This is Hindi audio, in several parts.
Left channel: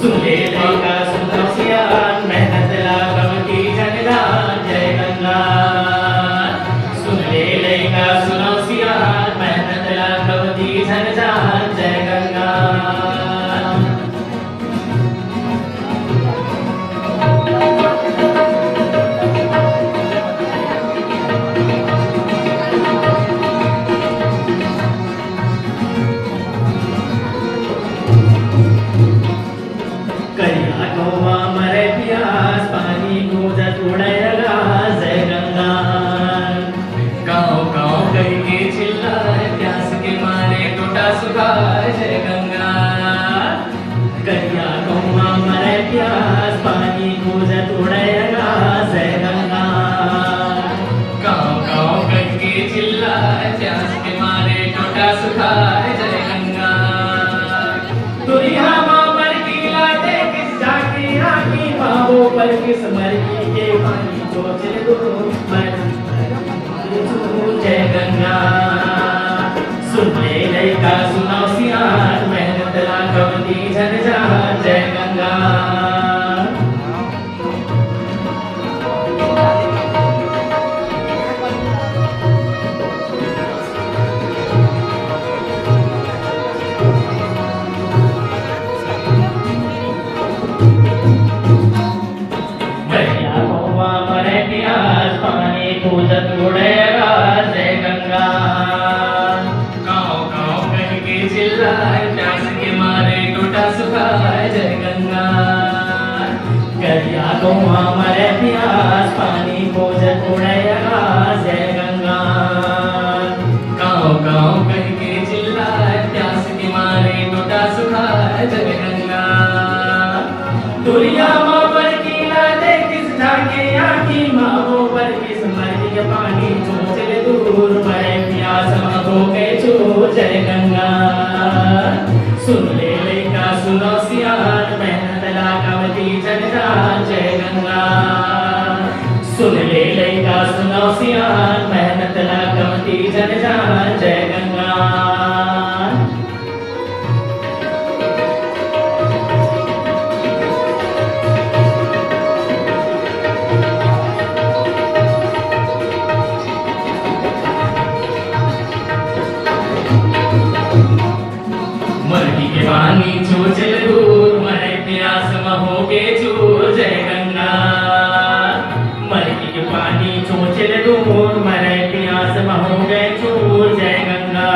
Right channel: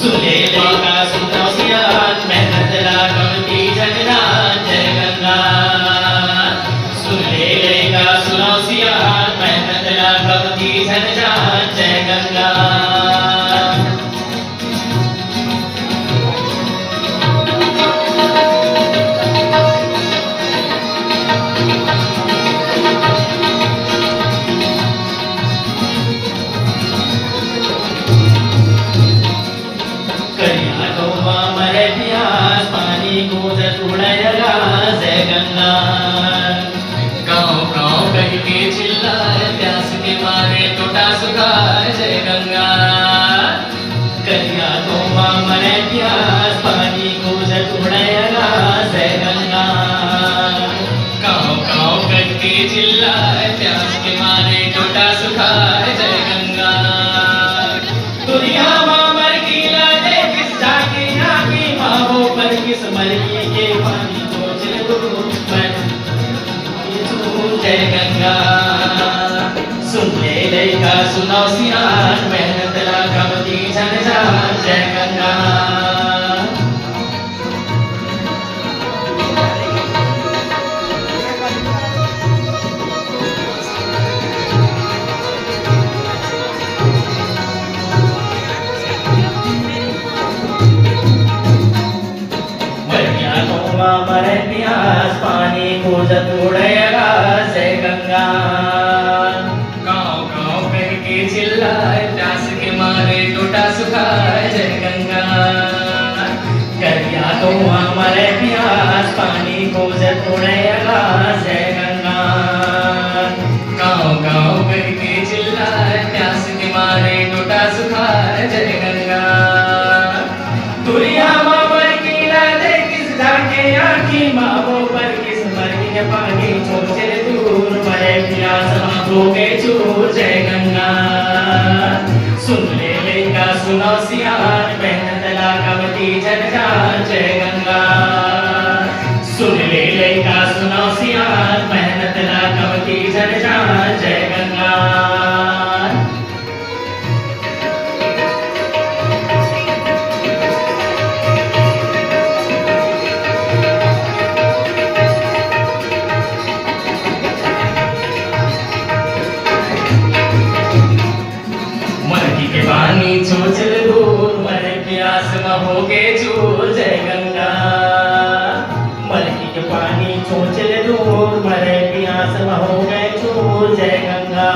सुन ले लैका सुनो सियान मेहनत लाखवती जगन्नाथ जय गंगा। सुन ले लैका सुनो सियान मेहनत लाखवती जगन्नाथ जय गंगा। जय गंगा करिया गौवा मरे प्यास पानी गूंजत उड़ेगा जय गंगा। गाँव गाँव करके चिल्लाए प्यास के मारे टूटा सुखाए जय गंगा। दुनिया माँ मर गीला दे किस जाके आके माँ वो पर किस मरी के पानी को चलो जय गंगा। सुन ले लैका सुनो सियान मेहनत लाखवती जगन्नाथ जय गंगा। मरिया गौवा मरे प्यास पानी गूंजत उड़ेगा जय गंगा। चिल्लाए प्यास के मारे टूटा सुखाए जय गंगा। करिया गौवा मरे प्यास पानी गूंजत उड़ेगा जय गंगा। गाँव गाँव करके चिल्लाए प्यास के मारे टूटा सुखाए जय गंगा। दुनिया माँ पर की दे किस ढाके आँखी माँ वो पर किस मरी के पानी छोटे दूर मरे प्यास माँ के चूर जय गंगा। सुन ले लैका सुनो सियान मेहनत लाखवती जगन्नाथ जय गंगा। सुन ले लैका सुनो सियान मेहनत लाखवती जगन्नाथ जय गंगा। पानी चोचल दूर मरे प्यास हो के चूर जय गंगा। मरकी के पानी चोचल दूर मरे प्यास हो गए चूर जय गंगा।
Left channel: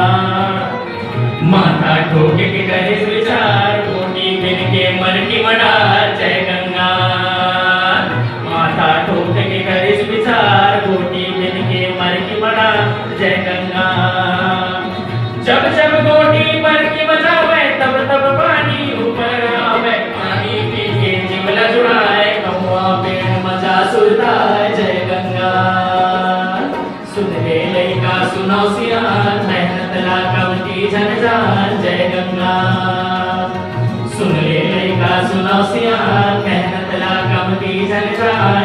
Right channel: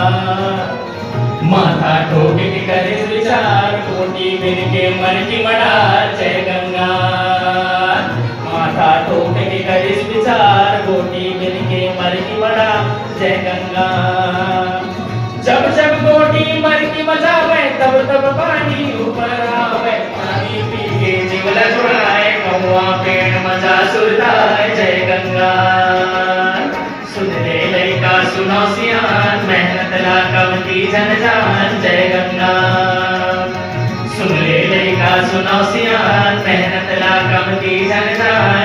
माथा ठोके के करे विचार कोटी मिल के मर की मडार जय गंगा। माथा ठोके के करे विचार कोटी मिल के मर की मडार जय गंगा। जब जब गोटी मर की मचावे तब तब पानी ऊपर आवे पानी पी के जिगला जुड़ाए कौवा पेड़ मजा सुरताए जय गंगा। सुन ले लैका सुनो सियान मेहनत लाखवती जगन्नाथ जय गंगा। सुन ले लैका सुनो सियान मेहनत लाखवती जगन्नाथ